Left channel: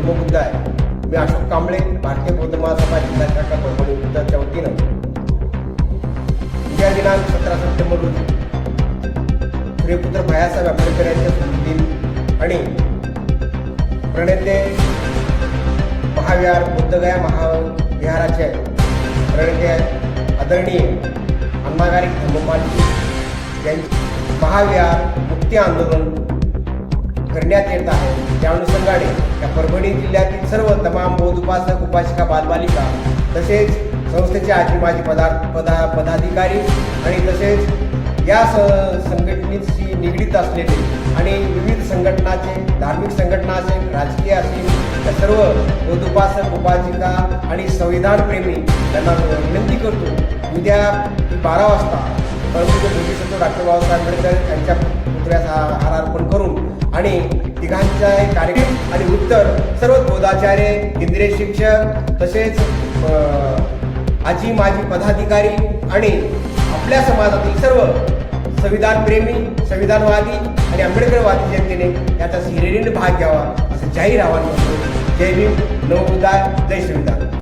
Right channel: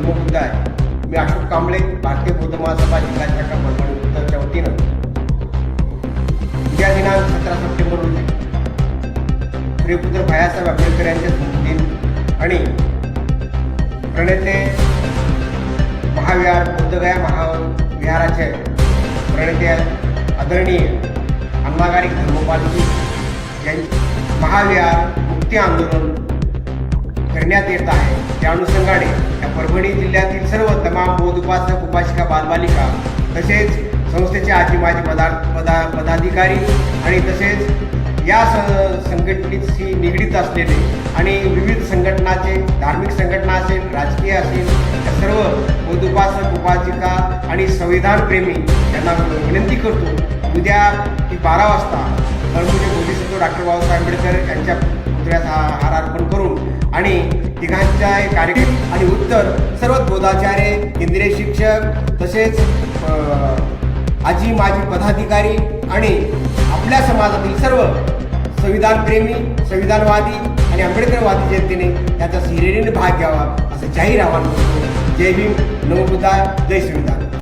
नमोबुद्ध आहे. मी अशोक कांबळे, भारतीय बौद्ध महासभा जिल्हा शाखा परभणी उत्तरच्या वतीनं उद्या दिनांक 17 सप्टेंबर रोजी प्रियपुत्र भैयासाहेब आंबेडकर यांच्या स्मृती आणि प्रणेते महाविहार बुद्धगया महाविहाराचे प्रणेते आदरणीय अण्णागारी धम्मपालजी यांचे महाविहार मुक्ती आंदोलन करण्यात येत आहे. त्या अनुषंगाने या परभणी जिल्ह्यातील सर्व तमाम बौद्ध उपासक उपासिका बालबालिका तसेच संस्थेचे आजी माजी पदाधिकारी आणि तसेच या संघटनेशी निगडीत असलेले आणि विविध संघटनाचे धार्मिक संघटना असेल राजकीय असेल त्या सर्व बौद्ध उपासक उपासिका आणि संविधानप्रेमी यांना विनंती करतो उद्या 12 वाजता परभणीचे बोधिसत्व डॉक्टर बाबासाहेब आंबेडकर यांच्या पुतळ्यास हार अर्पण करून आणि तिघांच्या कार्यक्रम आणि उत्तर सर्व बोधाचार्य केंद्रीय शिक्षक तसेच आजी माजी पदाधिकारी आणि आपल्या समाजातील सर्व संविधानप्रेमी संविधानवादी आणि आंबेडकरवादी जनतेने याचा हिरिरीने भाग घ्यावा असं जाहीर आवाहन करतो. जय भीम, नमो बुद्धाय, जय संविधान.